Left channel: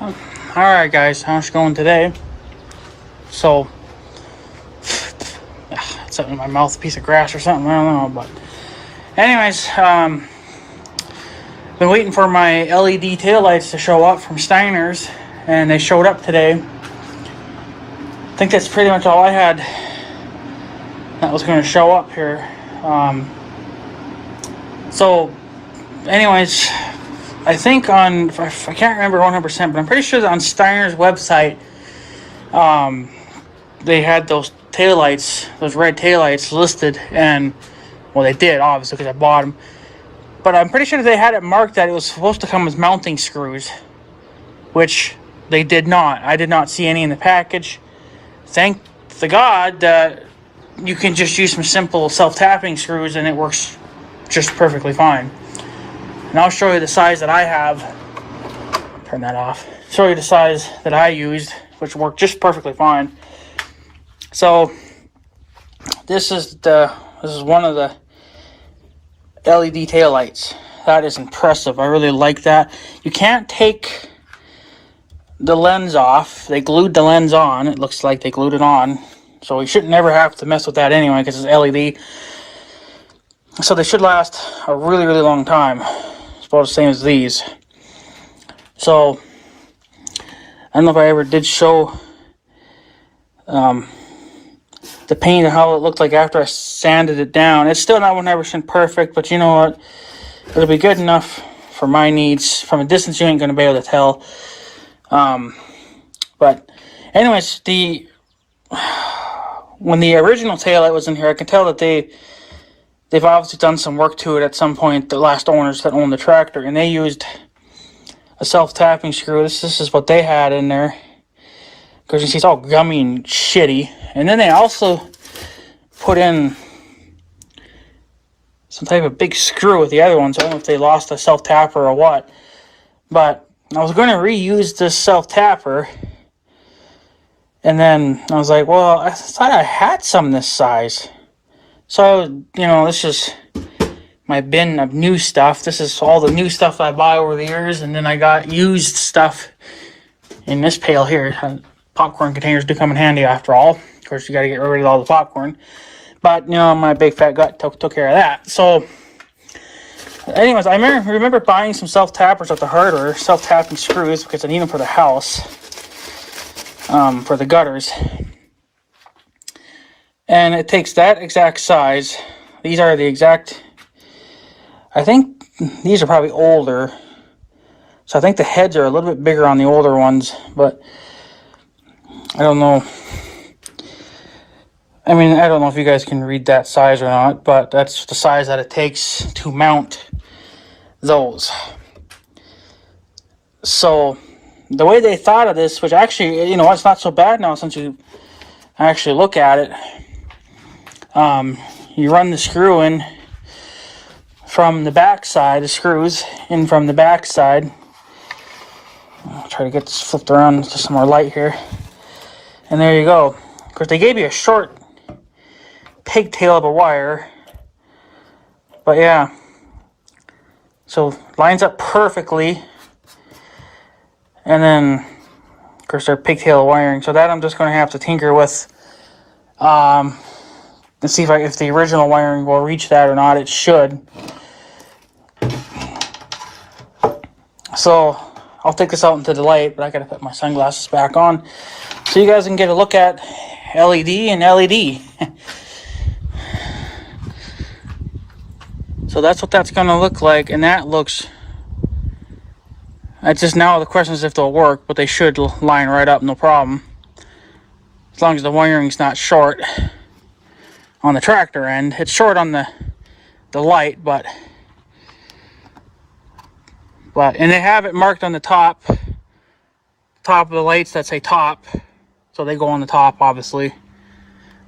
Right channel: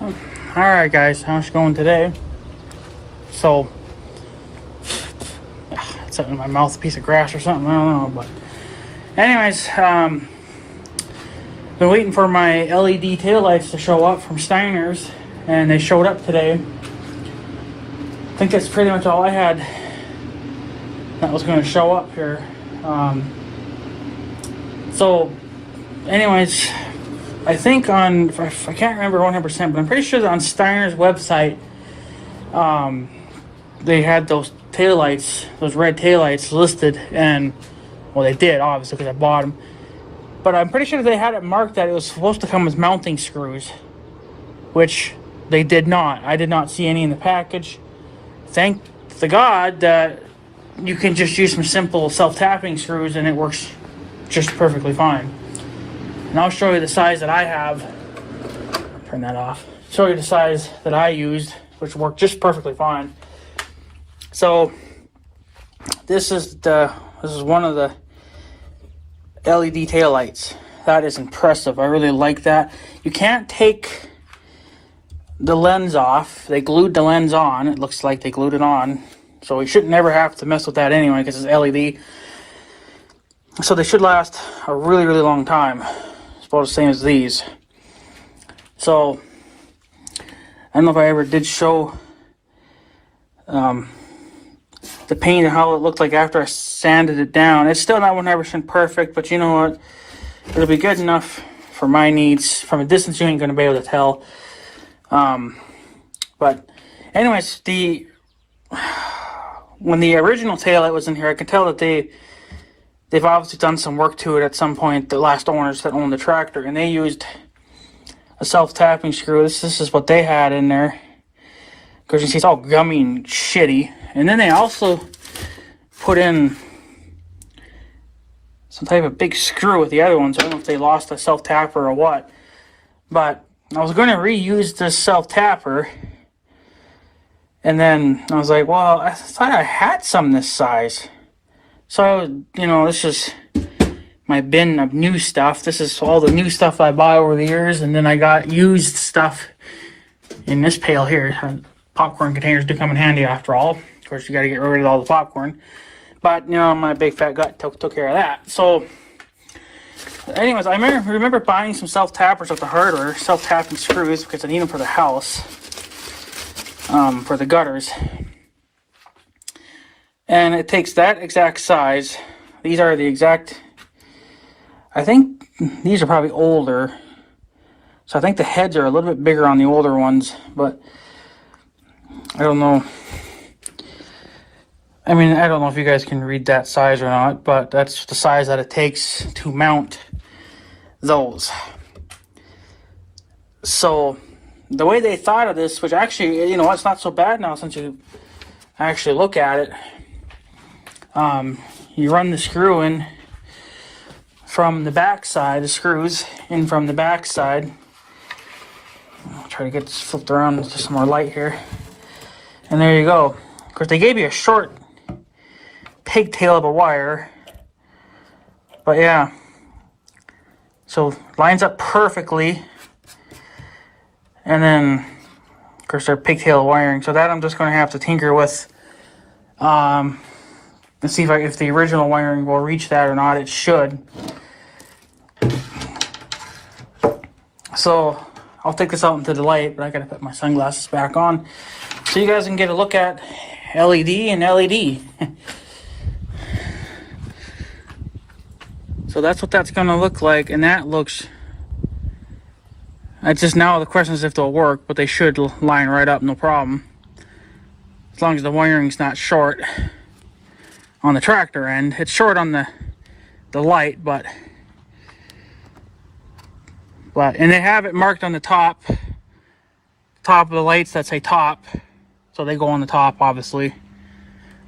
Alright guys, how's it going today? So, it's something in my mouth, a piece of grass or something, I don't know, but anyways, been waiting for my LED taillights to show up from Steiner's, and they showed up today. I think that's pretty much all I had that was going to show up here. So, anyways, I think I can't remember 100%, but I'm pretty sure that on Steiner's website, they had those taillights, those red taillights listed, and, well, they did, obviously, because I bought them. But I'm pretty sure they had it marked that it was supposed to come with mounting screws, which they did not. I did not see any in the package. Thank the God that you can just use some simple self-tapping screws and it works just perfectly fine. And I'll show you the size that I have. Turn that off. Show you the size that I used, which worked just perfectly fine. So this is one of the LED taillights. That is impressive. I really like that. You can't take the lens off. They glued the lens on. It looks like they glued it on. So you should never have to mess with that anyway because it's LED. So they should last a really, really long time. It's about the same as these. So I don't know if I ever did show the paint and how it looked like after I sanded it down. It's still not 100% perfect, but you know what? It'll be good enough for my needs. From a distance, you ain't going to be able to tell. But anyways, when the original taillight was in here, I can tell that they've obviously done some work to it at some point, the last owners that owned the tractor, and they used a self-tapping screw. This is what they had in there. Because you see it's all gummy and shitty. And then they also put in some type of big screw with the other one. So I don't know if they lost a self-tapper or what. But I was going to reuse this self-tapper. And then I was like, well, I thought I had some this size. So, you know, this is my bin of new stuff. This is all the new stuff I buy over the years. And then I got used stuff in this pail here. Popcorn containers do come in handy after all. Of course, you got to get rid of all the popcorn. But, you know, my big fat gut took care of that. So, anyways, I remember buying some self-tappers at the hardware, self-tapping screws, because I need them for the house, for the gutters. And it takes that exact size. These are the exact, I think these are probably older. So I think the heads are a little bit bigger on the older ones, but I don't know. I mean, I don't know if you guys can read that size or not, but that's the size that it takes to mount those. So the way they thought of this, which actually, you know, it's not so bad now since you actually look at it. You run the screw in from the back side, the screws in from the back side. I'll try to get this flipped around to some more light here. And there you go. Of course, they gave you a short pigtail of a wire. But yeah. So, lines up perfectly. And then, of course, they're pigtail wiring. So that I'm just going to have to tinker with. And see if the original wiring will reach that or not. It should. So, I'll take this out into the light, but I gotta put my sunglasses back on so you guys can get a look at LED and LED. So that's what that's gonna look like, and that looks. It's just now the question is if they'll work, but they should line right up, no problem. As long as the wiring's not short on the tractor end. It's short on the light, but and they have it marked on the top of the lights that say top, so they go on the top, obviously.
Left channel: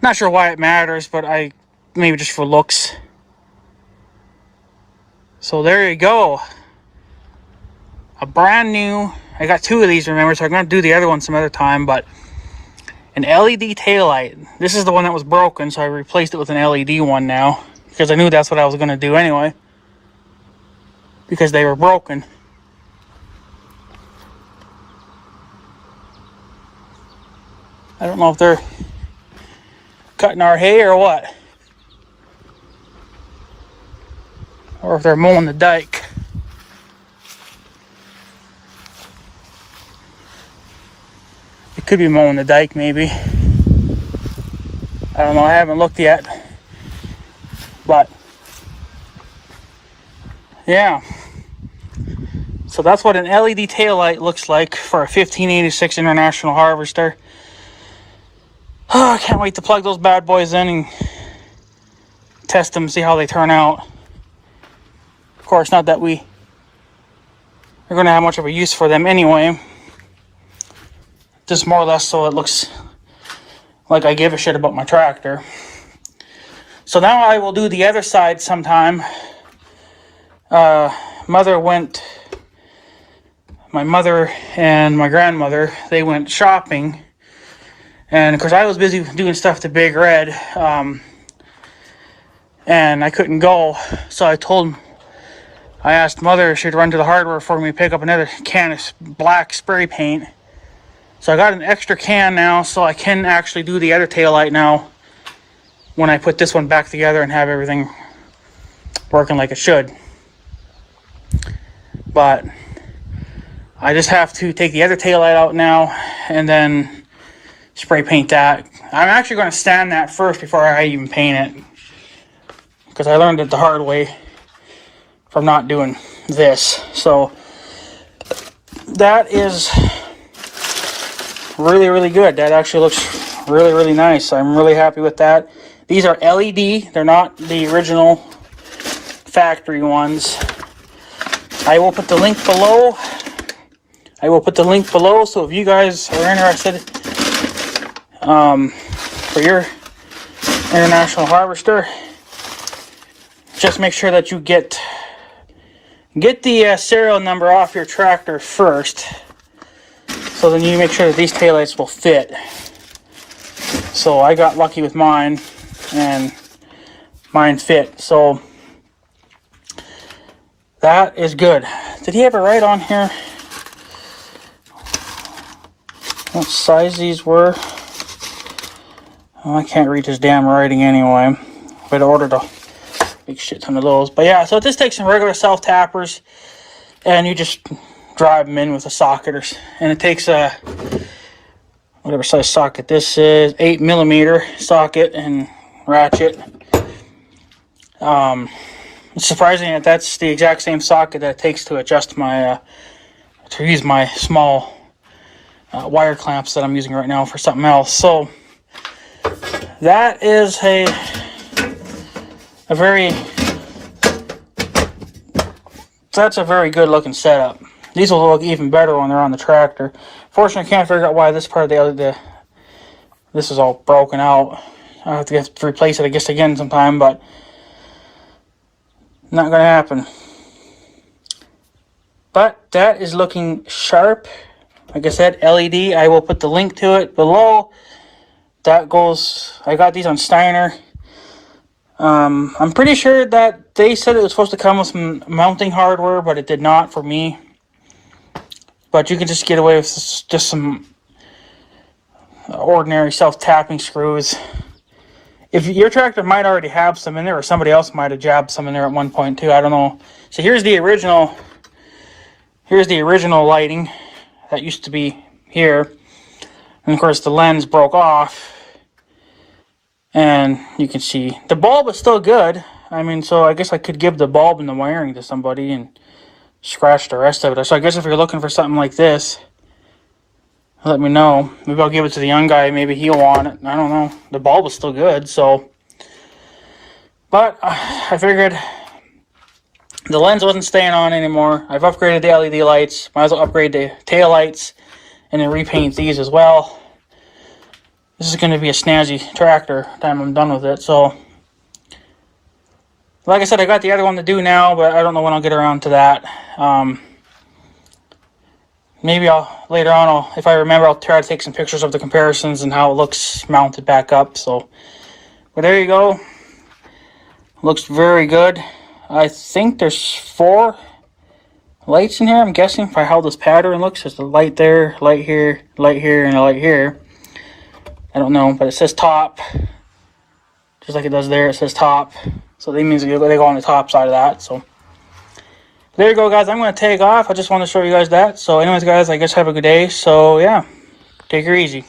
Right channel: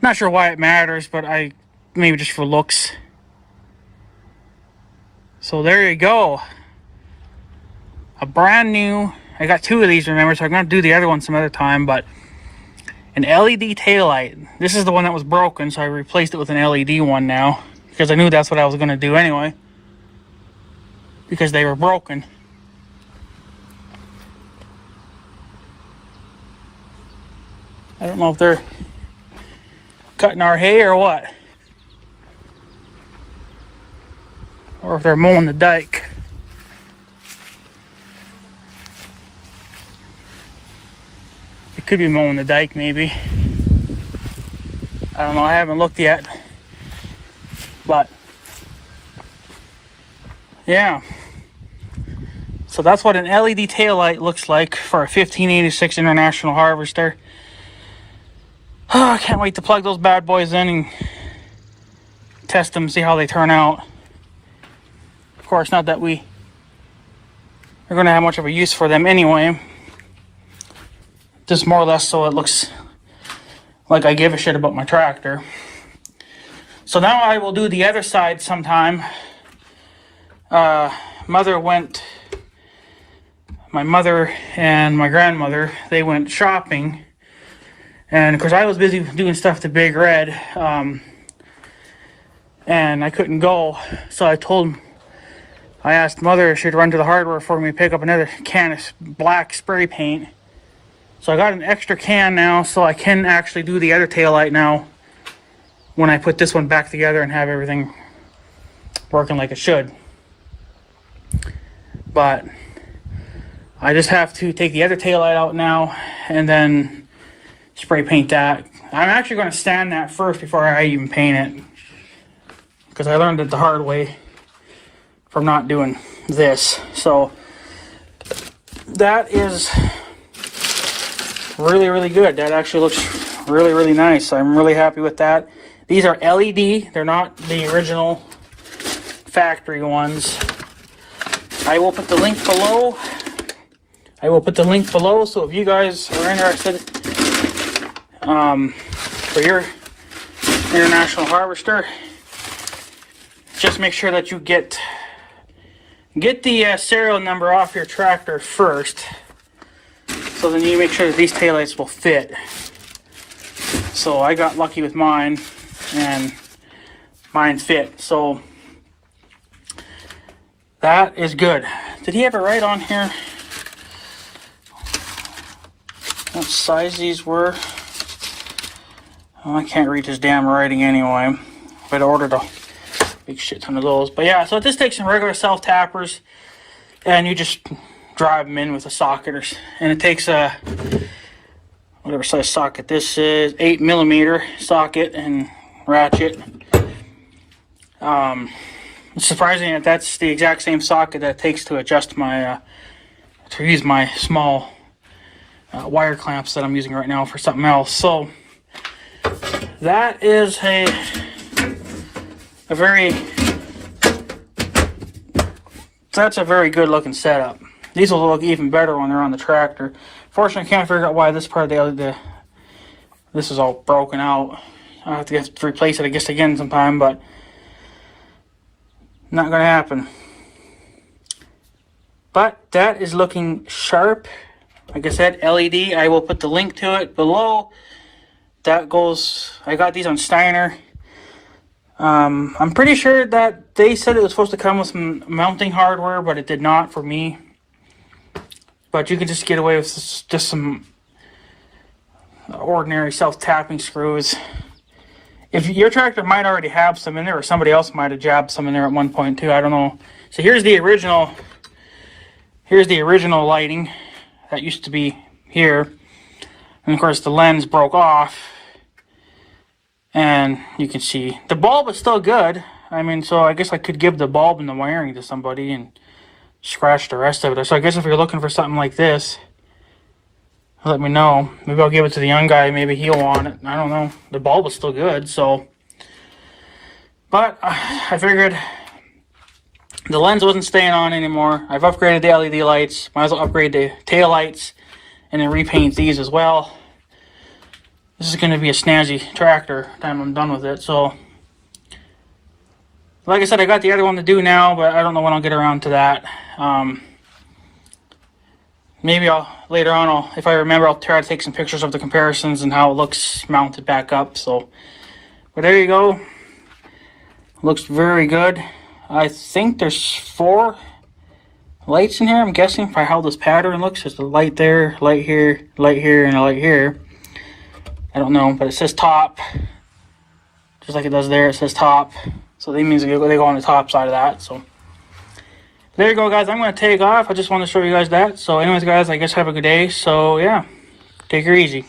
Not sure why it matters, but maybe just for looks. So there you go, a brand new, I got two of these, remember, so I'm gonna do the other one some other time, but an LED taillight. This is the one that was broken, so I replaced it with an LED one now, because I knew that's what I was gonna do anyway, because they were broken. I don't know if they're cutting our hay or what. Or if they're mowing the dike. It could be mowing the dike, maybe. I don't know, I haven't looked yet. But, yeah. So that's what an LED taillight looks like for a 1586 International Harvester. Oh, I can't wait to plug those bad boys in and test them, see how they turn out. Of course, not that we are going to have much of a use for them anyway. Just more or less so it looks like I give a shit about my tractor. So now I will do the other side sometime. My mother and my grandmother, they went shopping. And of course I was busy doing stuff to Big Red. And I couldn't go. So I asked Mother if she'd run to the hardware for me to pick up another can of black spray paint. So I got an extra can now, so I can actually do the other taillight now when I put this one back together and have everything working like it should. But I just have to take the other taillight out now and then spray paint that. I'm actually going to stand that first before I even paint it, because I learned it the hard way from not doing this. So that is really, really good. That actually looks really, really nice. I'm really happy with that. These are LED. They're not the original factory ones. I will put the link below. So if you guys are interested for your International Harvester, just make sure that you get the serial number off your tractor first. So then you make sure that these taillights will fit. So I got lucky with mine, and mine fit. So that is good. Did he have it right on here? What size these were? Oh, I can't read his damn writing anyway. But I ordered a big shit ton of those. But yeah, so this takes some regular self-tappers, and you just drive them in with a socket, and it takes a whatever size socket this is, 8mm socket and ratchet. It's surprising that that's the exact same socket that it takes to adjust my to use my small wire clamps that I'm using right now for something else. So that is a very good looking setup. These will look even better when they're on the tractor. Fortunately, I can't figure out why this part of this is all broken out. I'll have to replace it, I guess, again sometime, but not going to happen. But that is looking sharp. Like I said, LED. I will put the link to it below. That goes, I got these on Steiner. I'm pretty sure that they said it was supposed to come with some mounting hardware, but it did not for me. But you can just get away with just some ordinary self-tapping screws. If your tractor might already have some in there, or somebody else might have jabbed some in there at one point too. I don't know. So here's the original lighting that used to be here. And of course the lens broke off. And you can see the bulb is still good. I mean, so I guess I could give the bulb and the wiring to somebody and scratch the rest of it. So I guess if you're looking for something like this, let me know. Maybe I'll give it to the young guy. Maybe he'll want it. I don't know. The bulb is still good, so. But I figured the lens wasn't staying on anymore. I've upgraded the LED lights. Might as well upgrade the tail lights and then repaint these as well. This is going to be a snazzy tractor time I'm done with it. So, like I said, I got the other one to do now, but I don't know when I'll get around to that. Maybe later on, if I remember, I'll try to take some pictures of the comparisons and how it looks mounted back up. So, but there you go. Looks very good. I think there's 4 lights in here. I'm guessing by how this pattern looks. There's a light there, light here, and a light here. I don't know, but it says top. Just like it does there, it says top. So that means they go on the top side of that. So there you go, guys. I'm going to take off. I just want to show you guys that. So anyways, guys, I guess have a good day. So yeah, take her easy.